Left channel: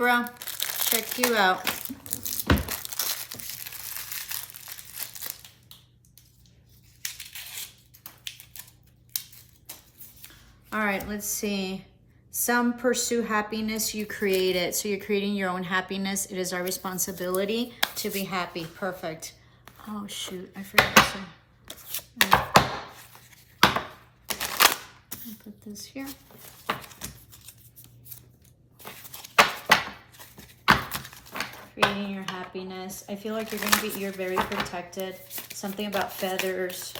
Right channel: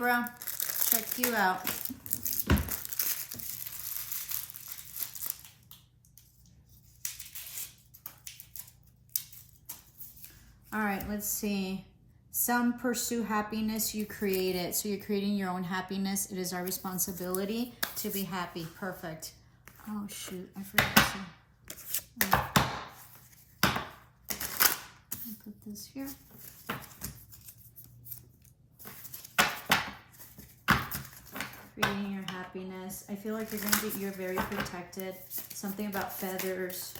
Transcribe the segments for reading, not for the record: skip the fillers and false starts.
Libra. Check you out. All right, let's see. Some pursue happiness, you create it. So you're creating your own happiness. It is our responsibility to be happy. Perfect. Oh, shoot. I forgot to. I'll put this here. Creating your happiness. I feel like you're very protected. Something about feathers.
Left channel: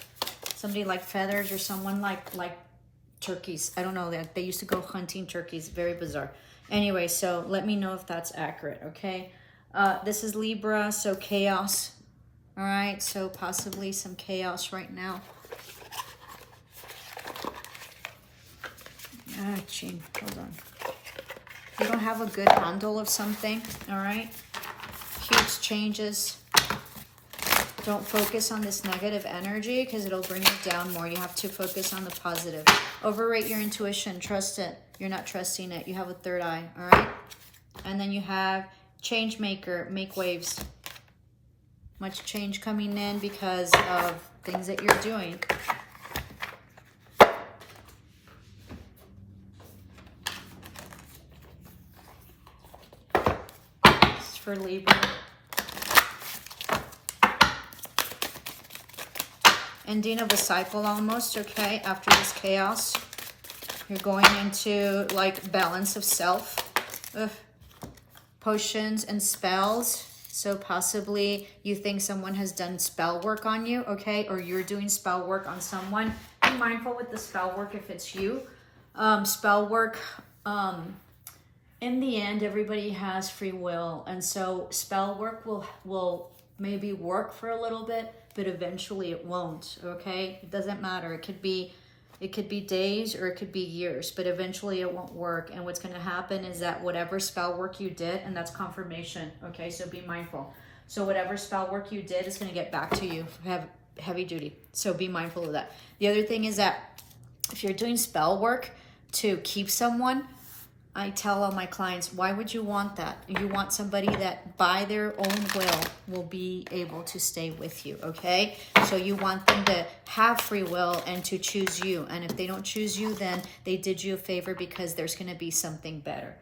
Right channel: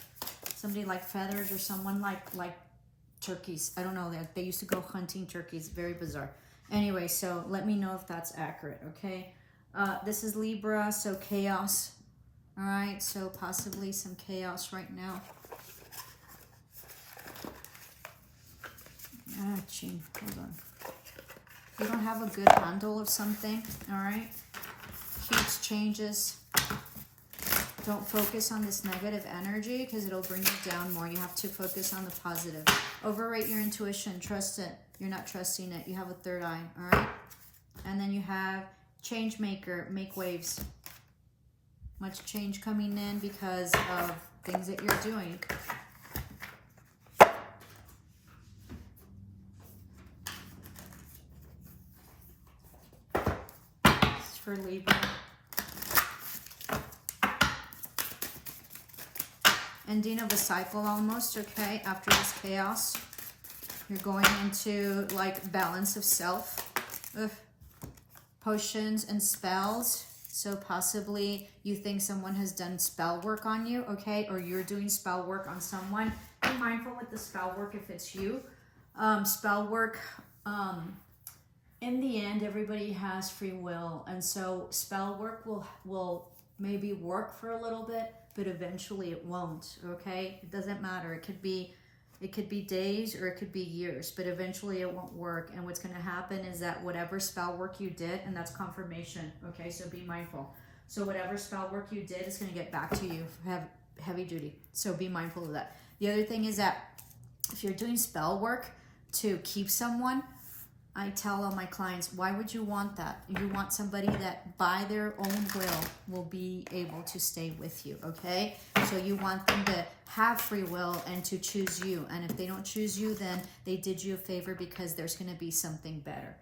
Somebody like feathers or someone like turkeys. I don't know that they used to go hunting turkeys. Very bizarre. Anyway, so let me know if that's accurate. Okay. This is Libra, so chaos. All right. So possibly some chaos right now. Gene, hold on. You don't have a good handle of something. All right. Huge changes. Don't focus on this negative energy because it'll bring you down more. You have to focus on the positive. Overrate your intuition. Trust it. You're not trusting it. You have a third eye. All right. And then you have change maker. Make waves. Much change coming in because of things that you're doing. This is for Libra. Ending of a cycle almost, okay? After this chaos, you're going into like balance of self. Potions and spells. So possibly you think someone has done spell work on you, okay? Or you're doing spell work on someone. Be mindful with the spell work if it's you. Spell work, in the end, everybody has free will. And so spell work will maybe work for a little bit, but eventually it won't, okay? It doesn't matter. It could be days or it could be years, but eventually it won't work. And what's going to happen is that whatever spell work you did, and that's confirmation, okay? So be mindful. So whatever spell work you did is going to get back to you, heavy duty. So be mindful of that. The other thing is that if you're doing spell work to keep someone, I tell all my clients, why would you want that? You want somebody that by their own will be able to stay with you, okay? So you want them to have free will and to choose you. And if they don't choose you, then they did you a favor because there's going to be something better.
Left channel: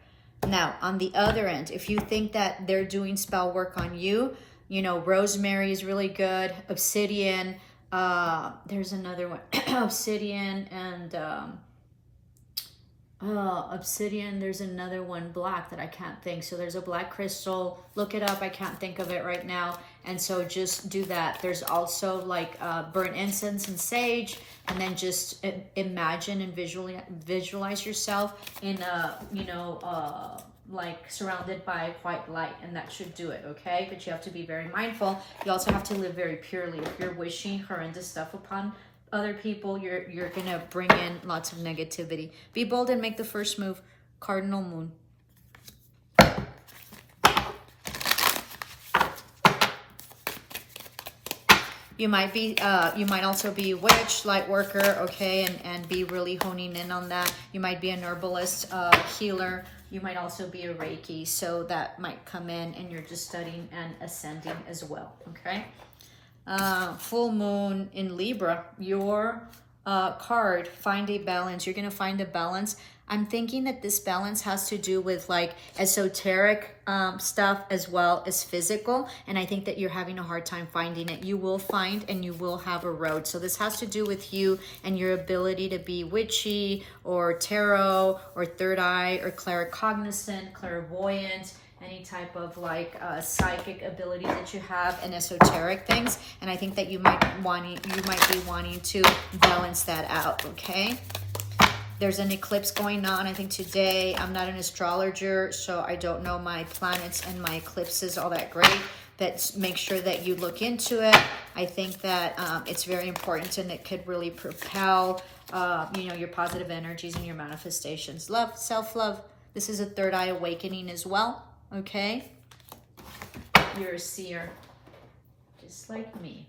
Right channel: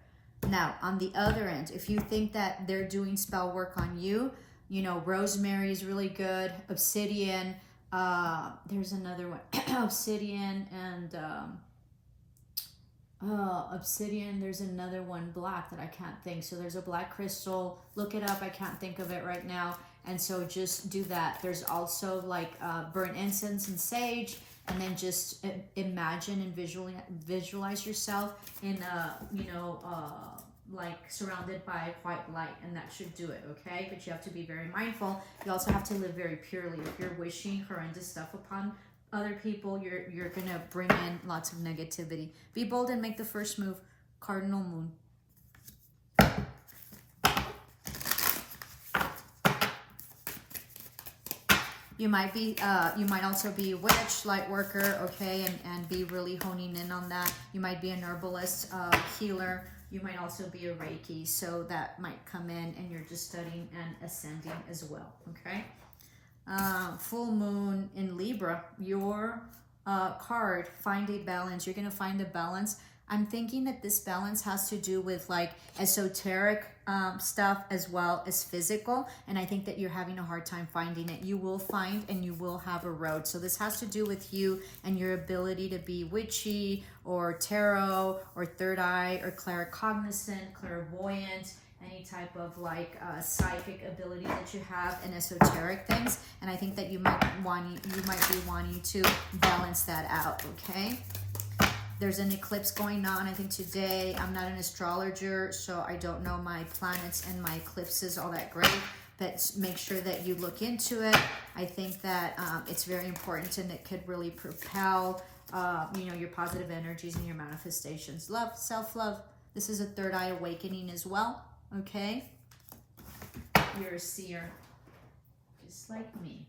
Now, on the other end, if you think that they're doing spell work on you, you know, rosemary is really good. Obsidian, there's another one. Obsidian and... obsidian, there's another one, black, that I can't think. So there's a black crystal. Look it up. I can't think of it right now. And so just do that. There's also like burnt incense and sage. And then just imagine and visualize yourself in like surrounded by white light. And that should do it, okay? But you have to be very mindful. You also have to live very purely. If you're wishing horrendous stuff upon other people, you're gonna bring in lots of negativity. Be bold and make the first move. Cardinal moon. You might also be a witch, light worker, okay, and be really honing in on that. You might be an herbalist, healer. You might also be a Reiki, so that might come in, and you're just studying and ascending as well, okay? Full moon in Libra, your card, find a balance. You're going to find a balance. I'm thinking that this balance has to do with like esoteric stuff as well as physical. And I think that you're having a hard time finding it. You will find and you will have a road. So this has to do with you and your ability to be witchy or tarot or third eye or claircognizant, clairvoyant, any type of like psychic ability that you have and esoteric things. And I think that you might be wanting to balance that out, okay? There's an eclipse going on, I think today. I'm not an astrologer, so I don't know my planets and my eclipses all that great, but make sure that you look into it. I think that it's very important and it could really propel your positive energies and your manifestations. Love, self-love. This is a third eye awakening as well. Okay, you're a seer, just like me.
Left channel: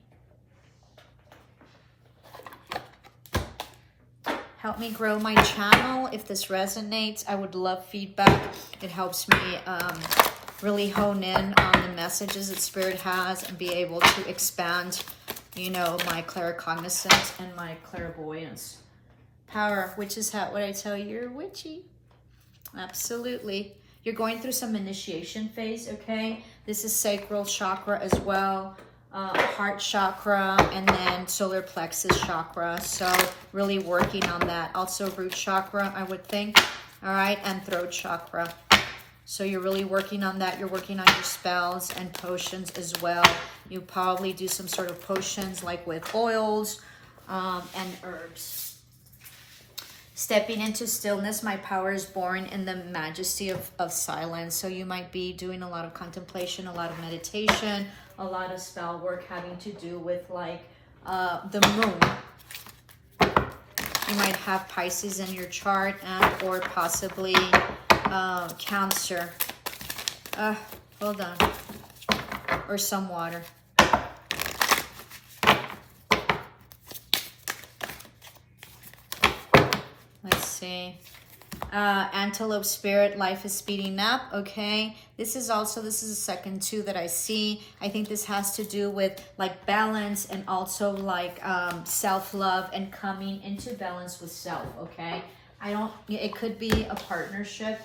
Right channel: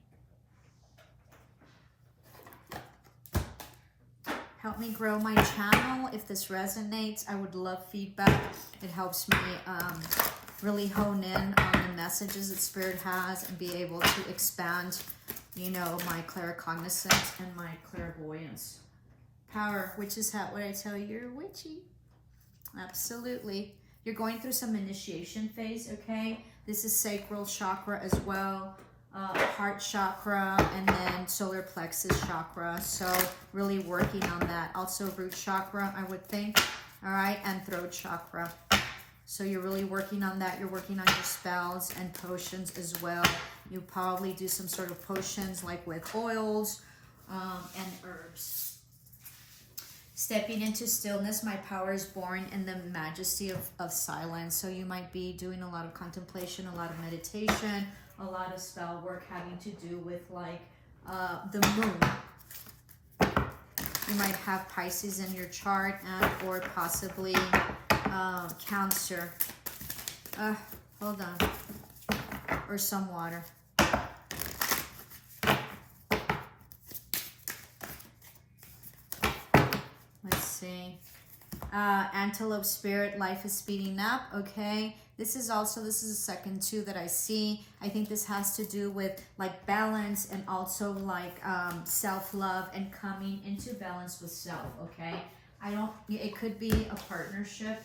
Help me grow my channel. If this resonates, I would love feedback. It helps me really hone in on the messages that Spirit has and be able to expand, you know, my claircognizance and my clairvoyance. Power, witch's hat, what I tell you, you're witchy. Absolutely. You're going through some initiation phase, okay? This is sacral chakra as well, heart chakra, and then solar plexus chakra. So really working on that. Also root chakra, I would think. All right, and throat chakra. So you're really working on that. You're working on your spells and potions as well. You probably do some sort of potions like with oils and herbs. Stepping into stillness, my power is born in the majesty of silence. So you might be doing a lot of contemplation, a lot of meditation, a lot of spell work having to do with like the moon. You might have Pisces in your chart and or possibly Cancer. Hold on. Or some water. Let's see. Antelope spirit, life is speeding up. Okay. This is a second two that I see. I think this has to do with like balance and also like self-love and coming into balance with self. Okay. It could be a partnership.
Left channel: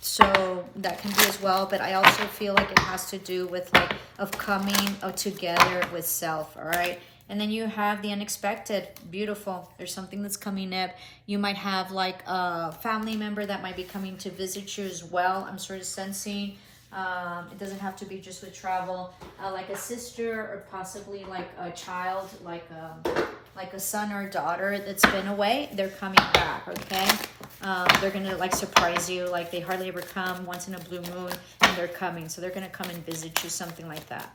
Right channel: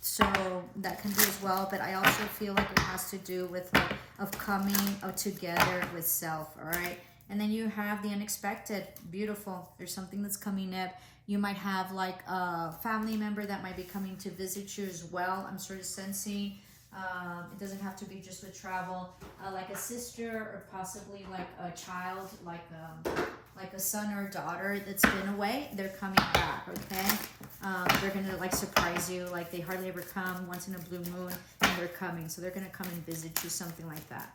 So that can be as well, but I also feel like it has to do with like of coming together with self. All right. And then you have the unexpected. Beautiful. There's something that's coming up. You might have like a family member that might be coming to visit you as well. I'm sort of sensing. It doesn't have to be just with travel. Like a sister or possibly like a child, like a son or daughter that's been away. They're coming back, okay? They're going to like surprise you. Like they hardly ever come once in a blue moon and they're coming. So they're going to come and visit you, something like that.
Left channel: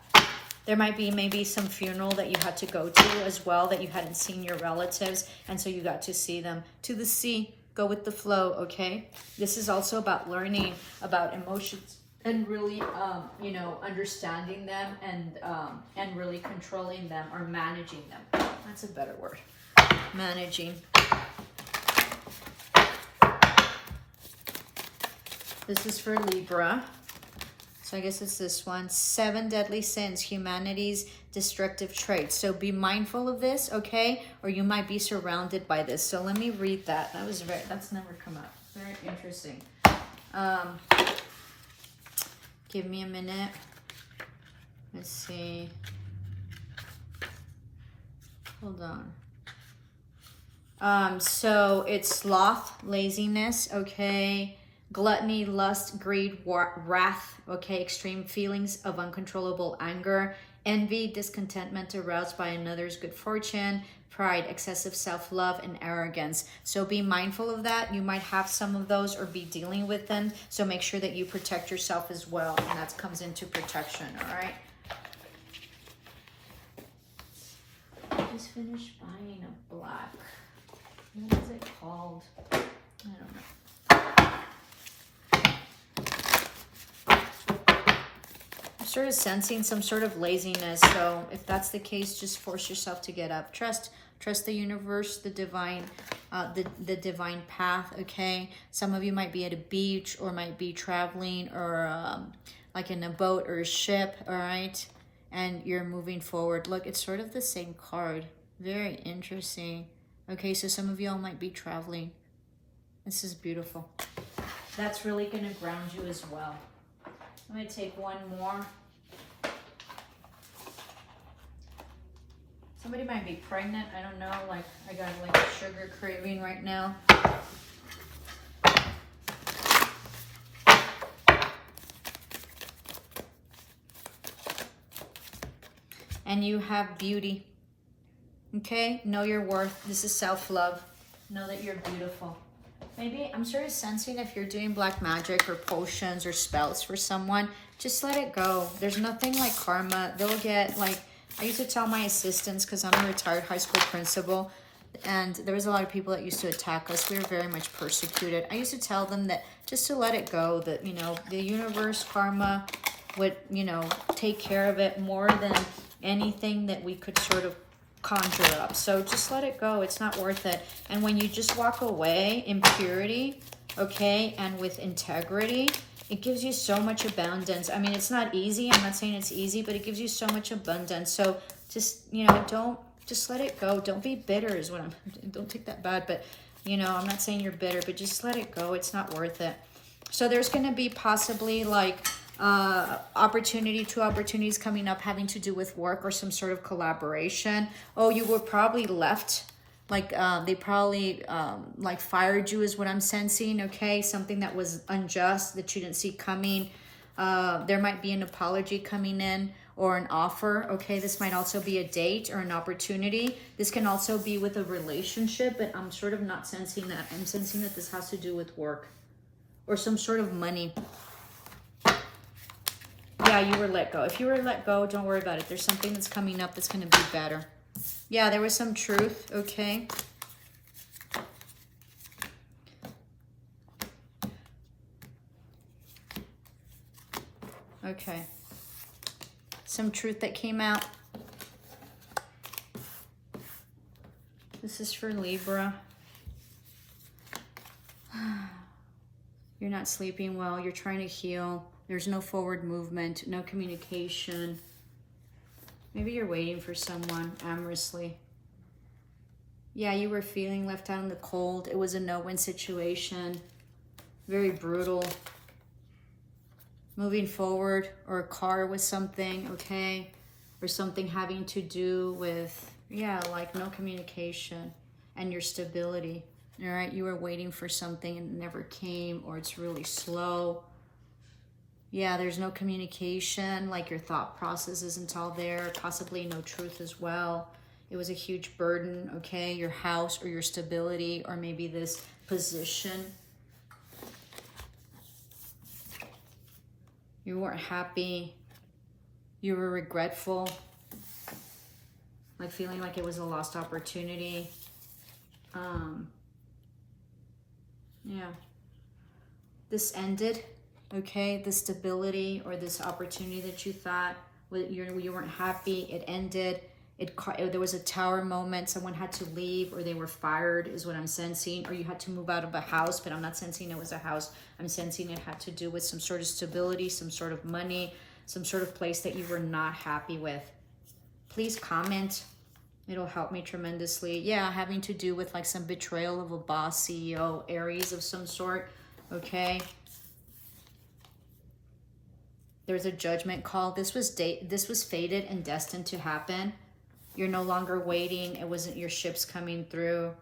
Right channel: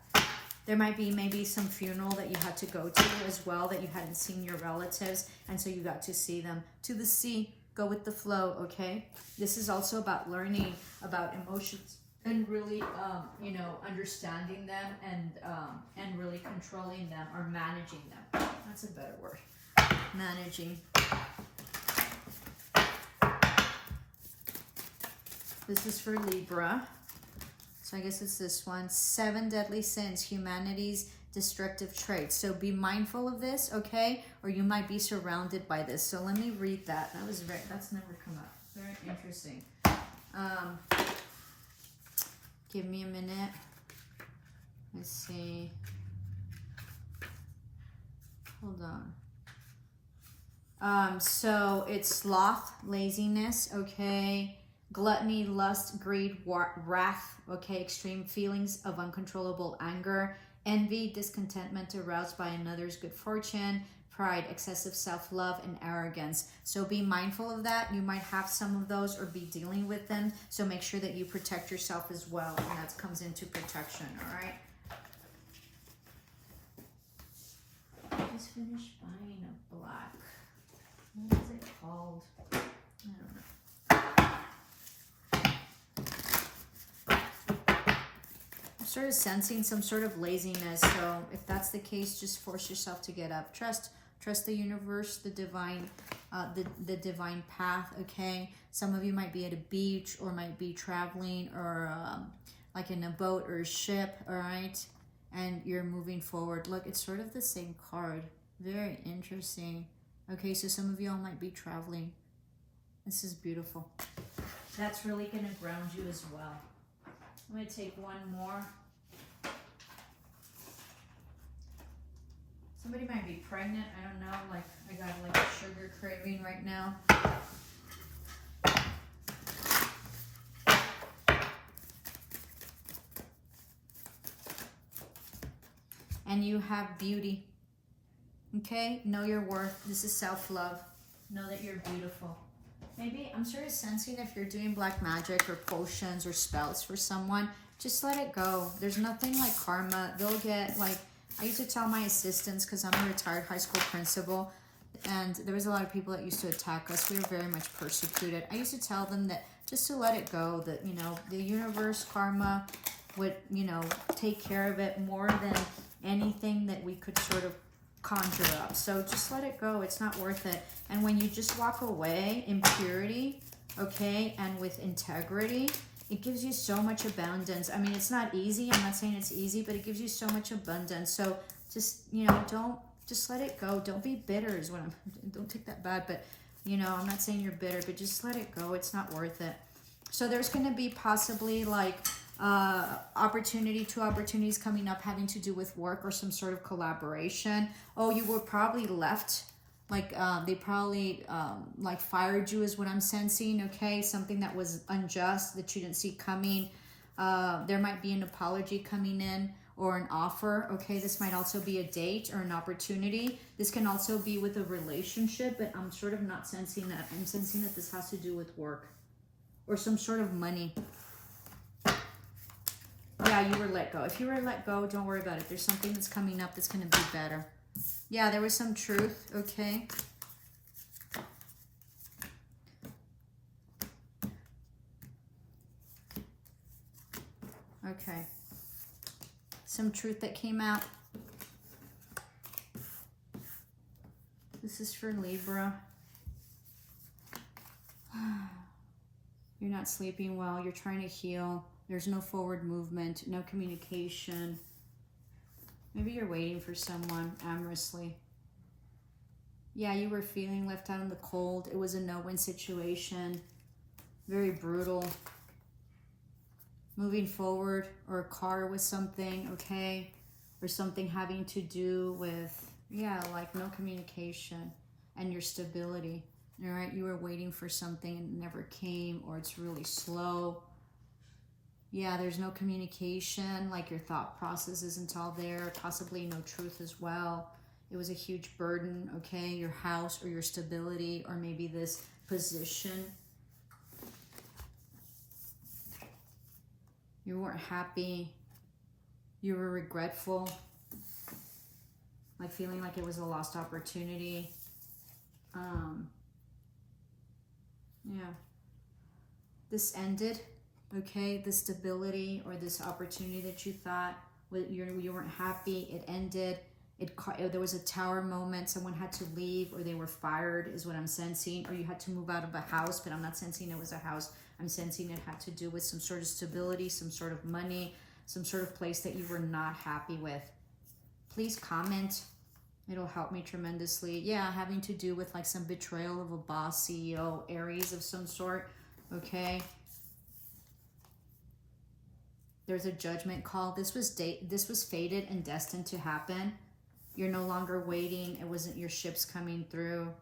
There might be maybe some funeral that you had to go to as well, that you hadn't seen your relatives, and so you got to see them. To the sea, go with the flow, okay? This is also about learning about emotions and really, you know, understanding them and really controlling them or managing them. That's a better word. Managing. This is for Libra. So I guess it's this one. 7 deadly sins, humanity's destructive traits. So be mindful of this, okay? Or you might be surrounded by this. So let me read that. That's never come up. Very interesting. Give me a minute. Let's see. Hold on. So it's sloth, laziness, okay? Gluttony, lust, greed, wrath, okay, extreme feelings of uncontrollable anger, envy, discontentment aroused by another's good fortune, pride, excessive self-love, and arrogance. So be mindful of that. You might have some of those or be dealing with them. So make sure that you protect yourself as well. And that comes into protection, all right? I just finished buying a black. What is it called? I don't know. Sort of sensing some sort of laziness. So if that's the case, just force yourself to get up. Trust the universe, the divine, the divine path. Okay. Some of you might be at a beach or might be traveling or like in a boat or a ship. All right. And you're moving forward. Look, it's sort of the same card. Very interesting. Okay. So some of y'all might be traveling. This is beautiful. That's really going to ground you as well. I'm going to take one more. Somebody might be pregnant. I don't know. Like, I got like a sugar craving right now. And you have beauty. Okay? Know your worth. This is self-love. Know that you're beautiful. Maybe, I'm sort of sensing if you're doing black magic or potions or spells for someone, just let it go. There's nothing like karma. They'll get like, I used to tell my assistants, because I'm a retired high school principal, and there was a lot of people that used to attack us. We were very much persecuted. I used to tell them that just to let it go, that, you know, the universe, karma would, you know, take care of it more than anything that we could sort of conjure up. So just let it go. It's not worth it. And when you just walk away in purity, okay, and with integrity, it gives you so much abundance. I mean, it's not easy. I'm not saying it's easy, but it gives you so much abundance. So just, you know, just let it go. Don't be bitter is what don't take that bad, but you know, I'm not saying you're bitter, but just let it go. It's not worth it. So there's going to be possibly like two opportunities coming up having to do with work or some sort of collaboration. Oh, you were probably left. Like they probably like fired you is what I'm sensing, okay? Something that was unjust that you didn't see coming. There might be an apology coming in or an offer, okay? This might also be a date or an opportunity. This can also be with a relationship, but I'm sort of not sensing that. I'm sensing that this has to do with work or some sort of money. Yeah, you were let go. If you were let go, don't worry about it. There's something that's coming up that's going to be better. Yeah, there was some truth, okay? Okay. Some truth that came out. This is for Libra. You're not sleeping well. You're trying to heal. There's no forward movement, no communication. Maybe you're waiting for someone amorously. Yeah, you were feeling left out in the cold. It was a no-win situation. Very brutal. Moving forward, or a car with something, okay? Or something having to do with, yeah, like no communication and your stability. All right, you were waiting for something and it never came, or it's really slow. Yeah, there's no communication, like your thought process isn't all there, possibly no truth as well. It was a huge burden, okay? Your house or your stability or maybe this position. You weren't happy. You were regretful. Like feeling like it was a lost opportunity. Yeah. This ended. Okay, the stability or this opportunity that you thought you weren't happy, it ended. There was a tower moment. Someone had to leave or they were fired is what I'm sensing. Or you had to move out of a house, but I'm not sensing it was a house. I'm sensing it had to do with some sort of stability, some sort of money, some sort of place that you were not happy with. Please comment. It'll help me tremendously. Yeah, having to do with like some betrayal of a boss, CEO, Aries of some sort. Okay. There's a judgment call. This was fated and destined to happen. You're no longer waiting. It wasn't your ships coming through.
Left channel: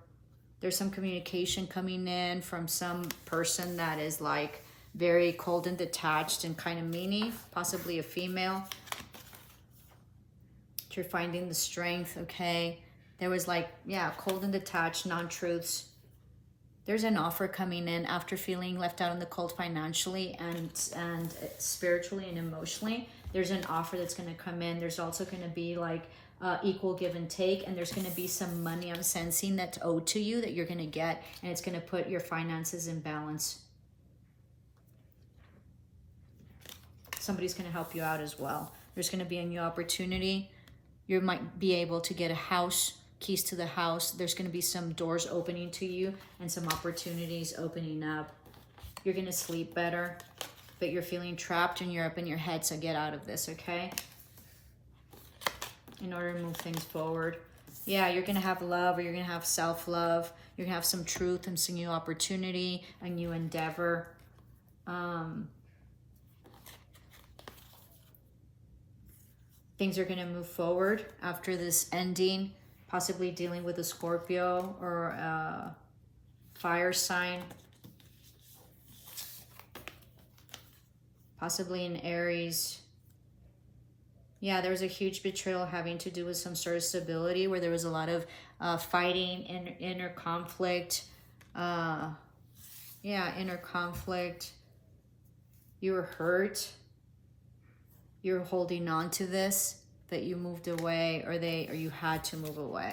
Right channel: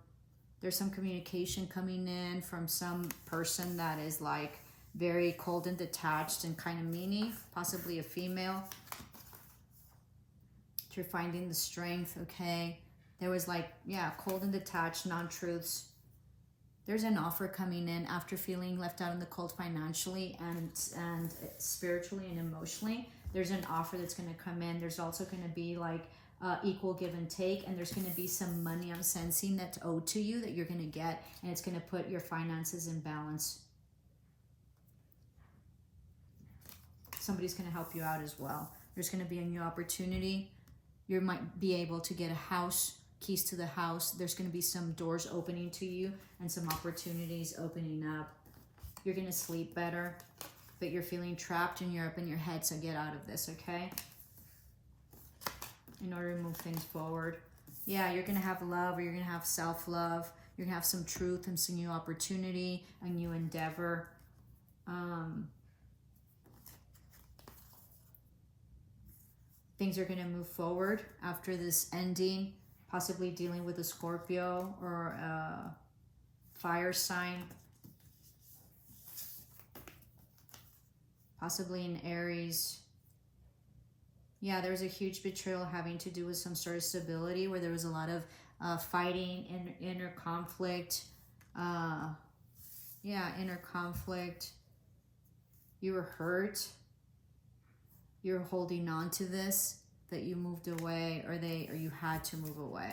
There's some communication coming in from some person that is like very cold and detached and kind of meany, possibly a female. You're finding the strength, okay? There was like, yeah, cold and detached, non-truths. There's an offer coming in after feeling left out in the cold financially and spiritually and emotionally. There's an offer that's going to come in. There's also going to be like equal give and take, and there's going to be some money I'm sensing that's owed to you that you're going to get, and it's going to put your finances in balance. Somebody's going to help you out as well. There's going to be a new opportunity. You might be able to get a house, keys to the house. There's going to be some doors opening to you and some opportunities opening up. You're going to sleep better, but you're feeling trapped and you're up in your head, so get out of this, okay? In order to move things forward. Yeah, you're going to have love, or you're going to have self-love. You're going to have some truth and some new opportunity, a new endeavor. Things are going to move forward after this ending, possibly dealing with a Scorpio or a fire sign. Possibly an Aries. Yeah, there was a huge betrayal having to do with some sort of stability where there was a lot of fighting, inner conflict. Yeah, inner conflict. You were hurt. You were holding on to this, that you moved away, or you had to move away.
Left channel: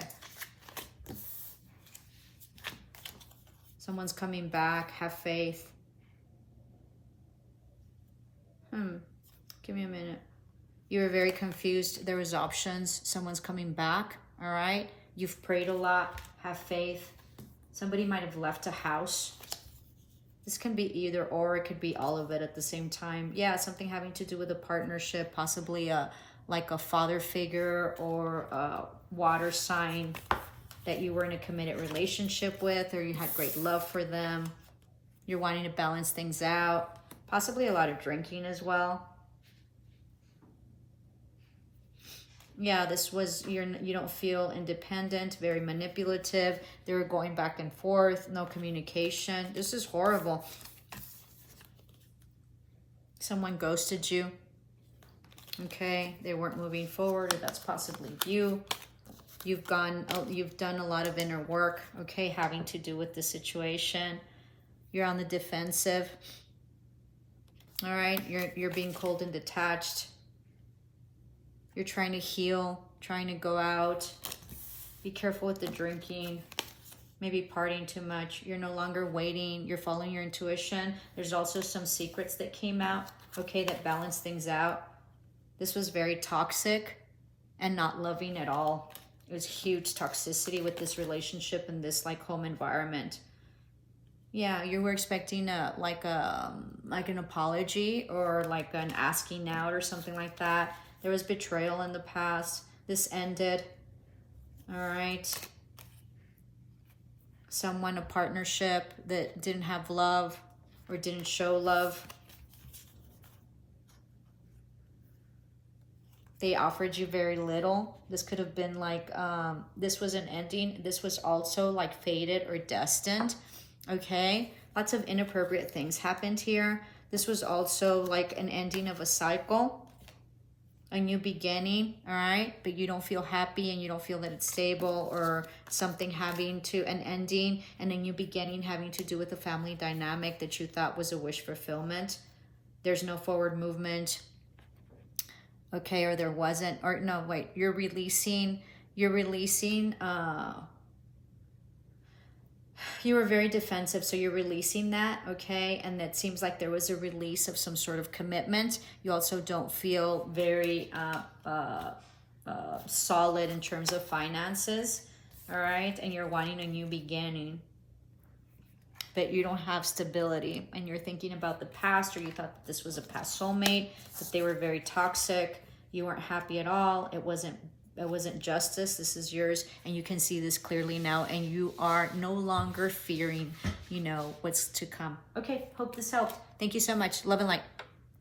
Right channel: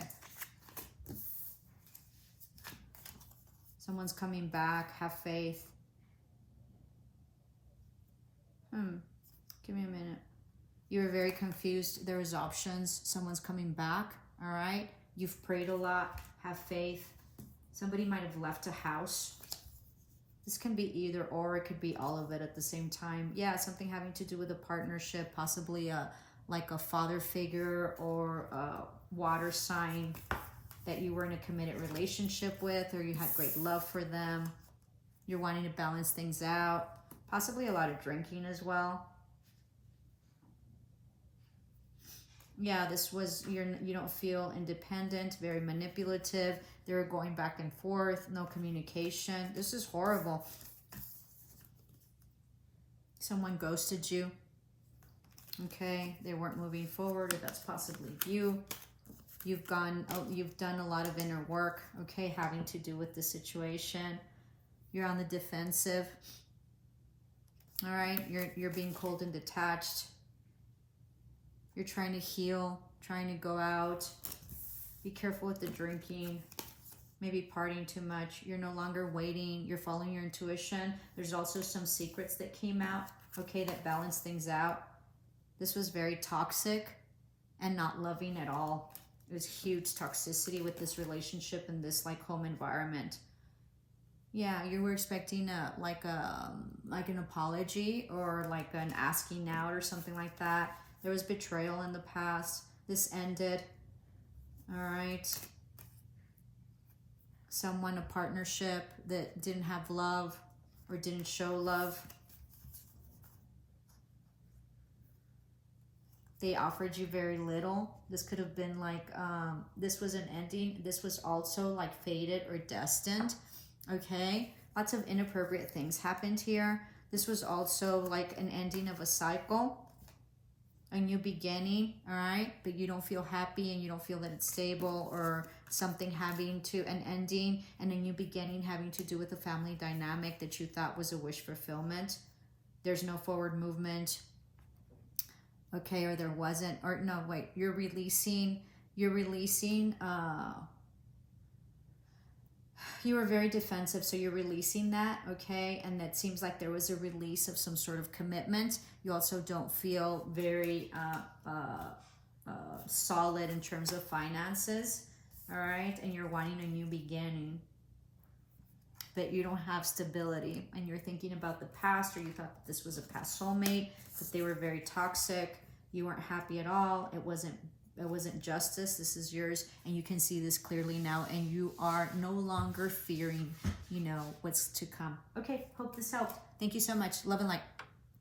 Someone's coming back. Have faith. Give me a minute. You were very confused. There was options. Someone's coming back. all right? You've prayed a lot, have faith. Somebody might have left a house. This can be either or, it could be all of it at the same time. Yeah, something having to do with a partnership, possibly like a father figure or a water sign that you were in a committed relationship with, or you had great love for them. You're wanting to balance things out. Possibly a lot of drinking as well. Yeah, this was, you don't feel independent, very manipulative. They were going back and forth, no communication. This is horrible. Someone ghosted you. Okay, they weren't moving forward, or that's possibly you. You've done a lot of inner work, okay, having to do with the situation. You're on the defensive. All right, you're being cold and detached. You're trying to heal, trying to go out. Be careful with the drinking, maybe partying too much. You're no longer waiting. You're following your intuition. There's also some secrets that came out, okay, that balance things out. This was very toxic and not loving at all. It was huge toxicity with this relationship and this like home environment. Yeah, you were expecting like an apology or like an asking out or something like that. There was betrayal in the past. This ended. All right. Someone, a partnership that didn't have love or didn't show love. They offered you very little. This could have been like, this was an ending. This was also like fated or destined. Okay. Lots of inappropriate things happened here. This was also like an ending of a cycle. A new beginning, all right? But you don't feel happy and you don't feel that it's stable, or something having to, an ending and a new beginning having to do with a family dynamic that you thought was a wish fulfillment. There's no forward movement, okay, or there wasn't, or no, wait, you're releasing, you were very defensive, so you're releasing that, okay? And it seems like there was a release of some sort of commitment. You also don't feel very solid in terms of finances, all right? And you're wanting a new beginning, but you don't have stability, and you're thinking about the past, or you thought that this was a past soulmate, that they were very toxic. You weren't happy at all. It wasn't justice. This is yours, and you can see this clearly now, and you are no longer fearing, what's to come. Okay, hope this helped. Thank you so much. Love and light.